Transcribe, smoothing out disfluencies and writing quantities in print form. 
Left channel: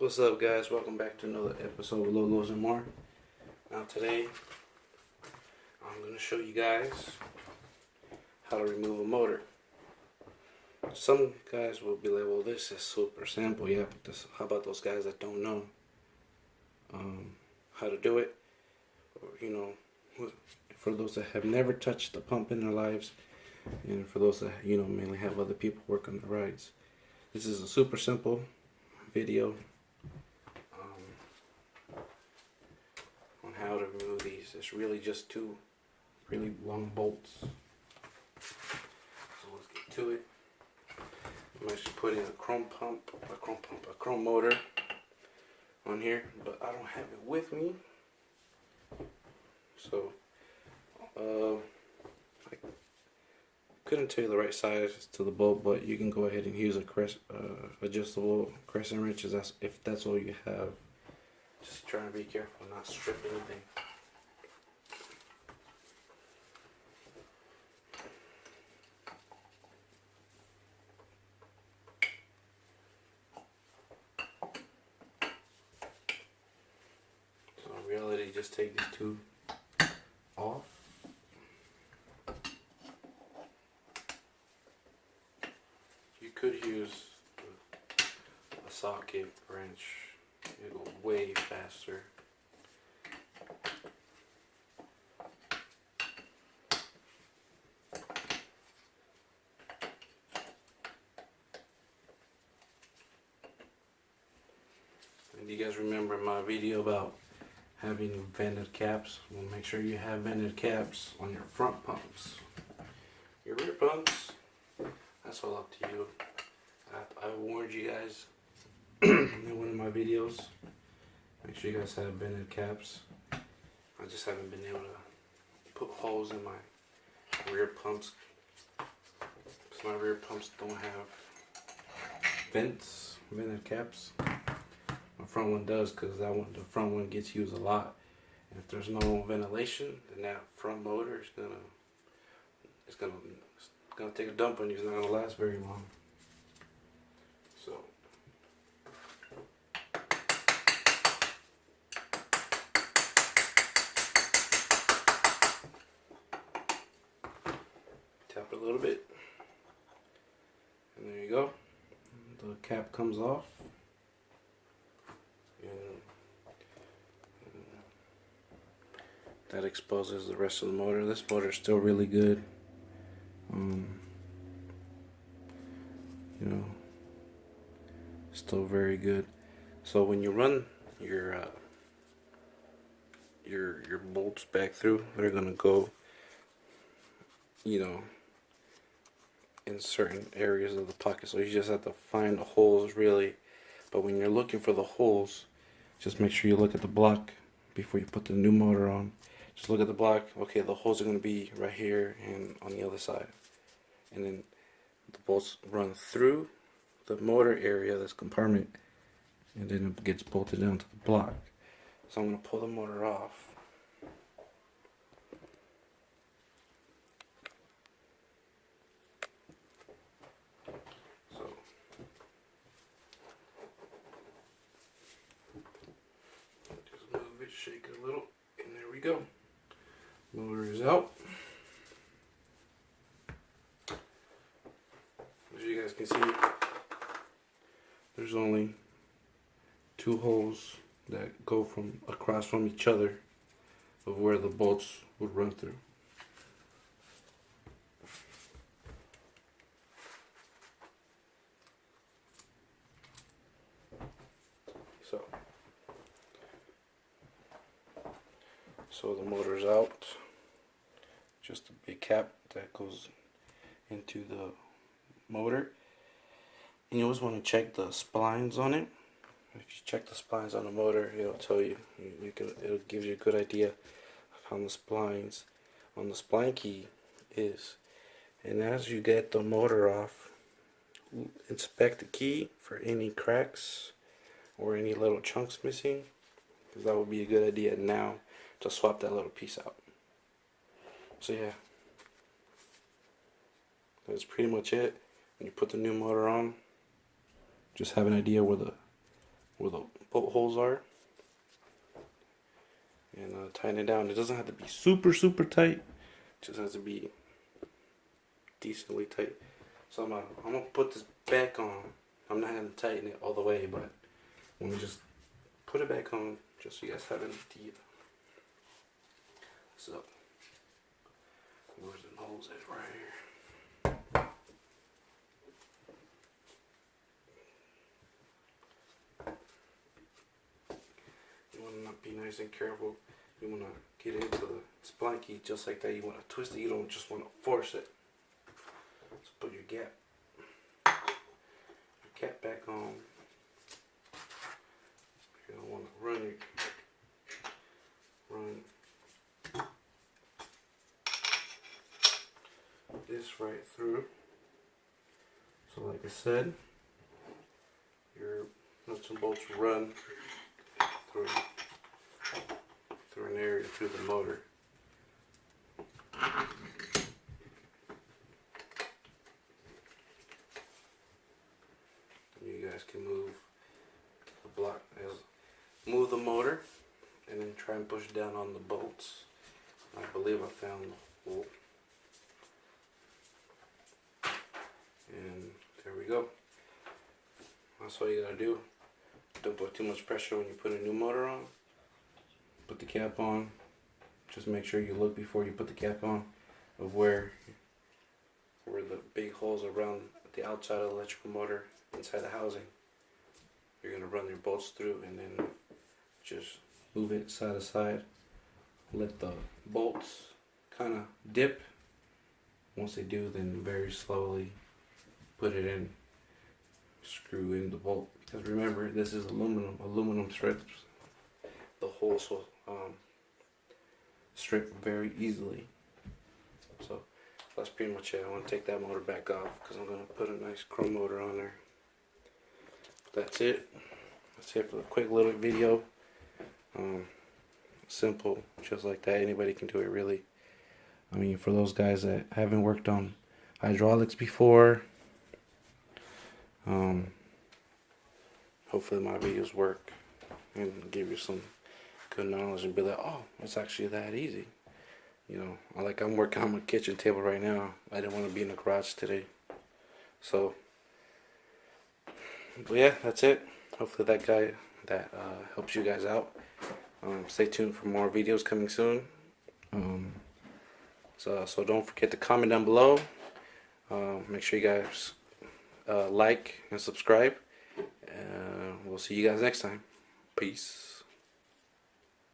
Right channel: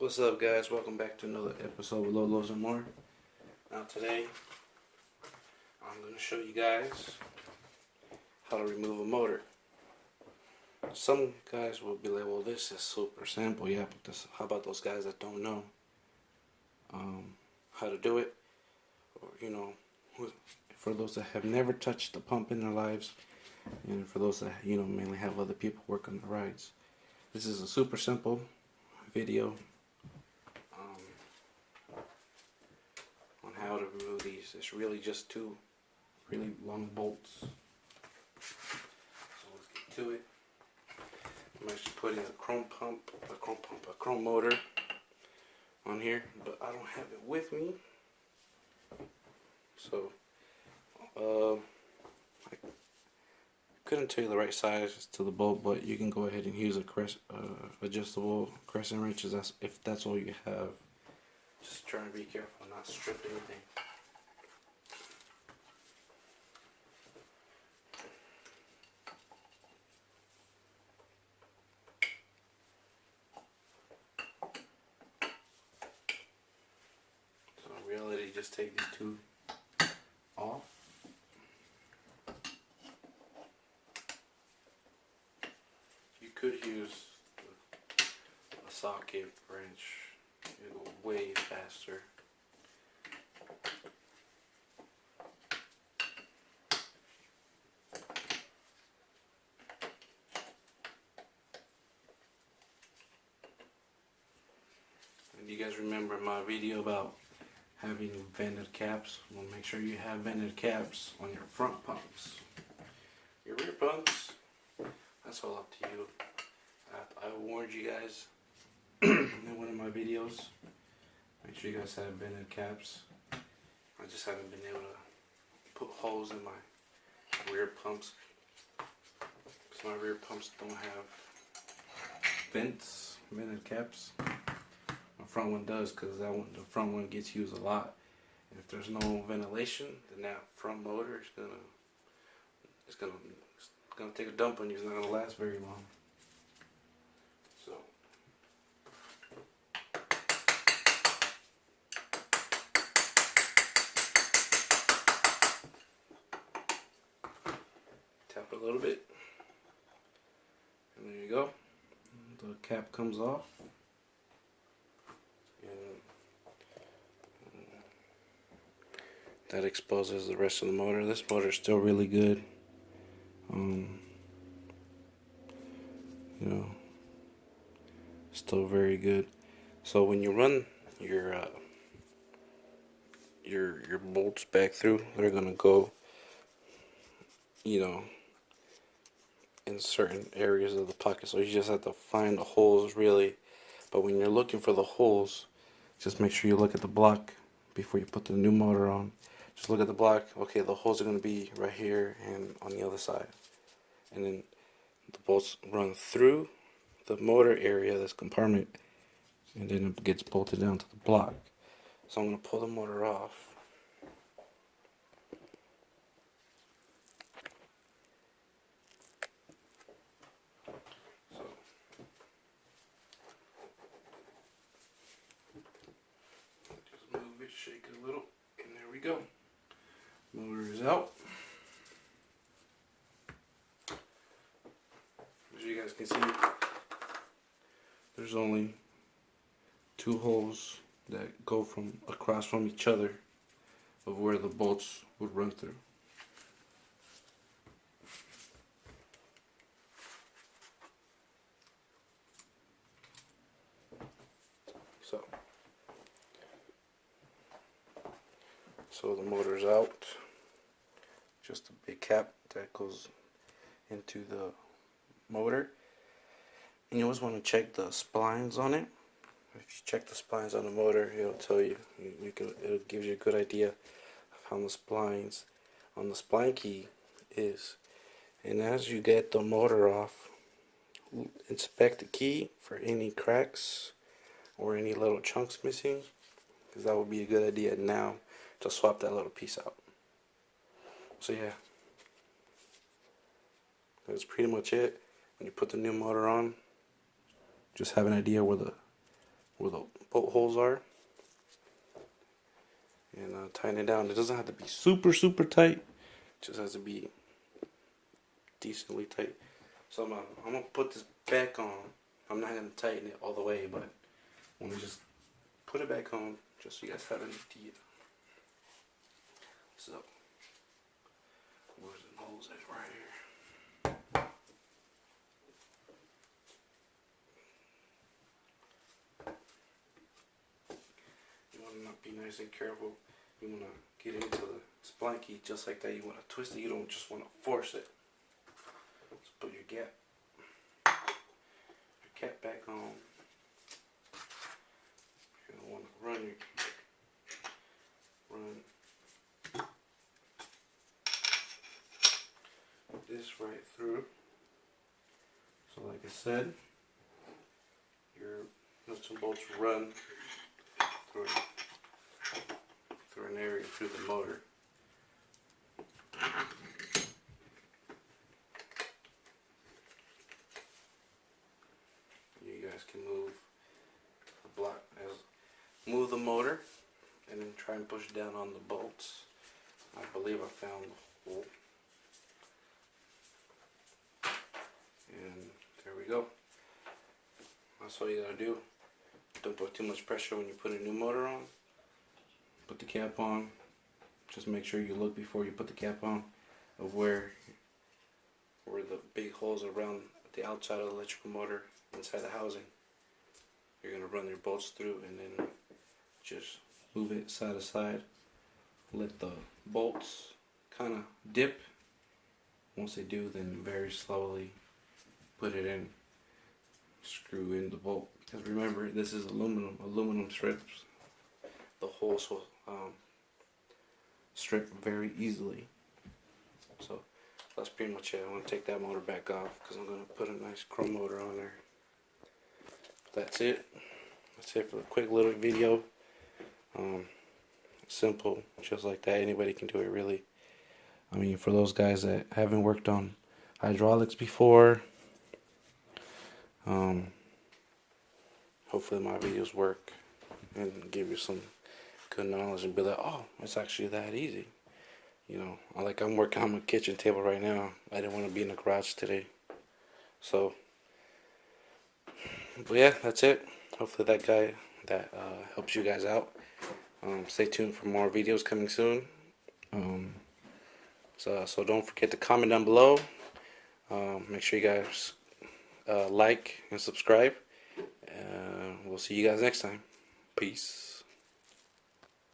What's up, guys? Welcome back to another episode of Lolos and More. Now today, I'm going to show you guys how to remove a motor. Some guys will be like, well, this is super simple. Yeah, but how about those guys that don't know how to do it? Or, for those that have never touched the pump in their lives, and for those that, mainly have other people work on the rides. This is a super simple video on how to remove these. It's really just two really long bolts. So let's get to it. I'm actually putting a chrome motor on here, but I don't have it with me. So I couldn't tell you the right size to the bolt, but you can go ahead and use a adjustable crescent wrenches if that's all you have. Just trying to be careful and not strip anything. So in reality, just take these two off. You could use a socket wrench. It'll go way faster. And you guys remember my video about having vented caps? Well, make sure you have vented caps on your front pumps. Your rear pumps, that's all up to you. I warned you guys in one of my videos. Make sure you guys have vented caps. I just haven't been able to put holes in my rear pumps because my rear pumps don't have vented caps. My front one does, because the front one gets used a lot. And if there's no ventilation, then that front motor is gonna take a dump on you. It's not gonna last very long. So tap it a little bit, and there you go. The cap comes off. That exposes the rest of the motor. This motor is still really good. Still very good. So when you run your bolts back through, they're gonna go, in certain areas of the pocket. So you just have to find the holes, really. But when you're looking for the holes, just make sure you look at the block before you put the new motor on. Just look at the block. Okay, the holes are going to be right here and on the other side. And then the bolts run through the motor area, this compartment, and then it gets bolted down to the block. So I'm going to pull the motor off. Just move it, shake it a little, and there we go. Motor is out. As you guys can see, there's only two holes that go across from each other of where the bolts would run through. So the motor's out. Just a big cap that goes into the motor. And you always want to check the splines on it. If you check the splines on the motor, it'll tell you. It'll give you a good idea of how the splines on the spline key is. And as you get the motor off, inspect the key for any cracks or any little chunks missing, because that would be a good idea now to swap that little piece out. So yeah, that's pretty much it. When you put the new motor on, just have an idea where the where the bolt holes are, and tighten it down. It doesn't have to be super tight, it just has to be decently tight. So I'm gonna put this back on. I'm not gonna tighten it all the way, but I'm gonna just put it back on just so you guys have an idea. So where's the holes at? Right here. You want to be nice and careful. You want to get into the spline key just like that. You want to twist it. You don't just want to force it. So put your cap back on. You're gonna want to run this right through. So like I said, your nuts and bolts run through an area through the motor. You guys can move move the motor and then try and push down on the bolts. I believe I found the hole. And there we go. That's all you gotta do. Don't put too much pressure when you put a new motor on. Put the cap on. Just make sure you look before you put the cap on of where the big holes around the outside of the electrical motor inside the housing. You're gonna run your bolts through and then just move it side to side. Let the bolts kind of dip. Once they do, then very slowly put it in. Screw in the bolt. Because remember, this is aluminum strips. The holes will strip very easily. So that's pretty much it. I want to take that motor back off because I'm going to put a nice chrome motor on there. That's it. That's it for a quick little video. Simple, just like that. Anybody can do it, really. I mean, for those guys that haven't worked on hydraulics before, hopefully my videos work and give you some good knowledge and be like, oh, it's actually that easy. You know, I'm working on my kitchen table right now. I didn't want to be in the garage today. So, but yeah, that's it. Hopefully that helps you guys out. Stay tuned for more videos coming soon. So don't forget to comment down below. Make sure you guys like and subscribe. We'll see you guys next time. Peace.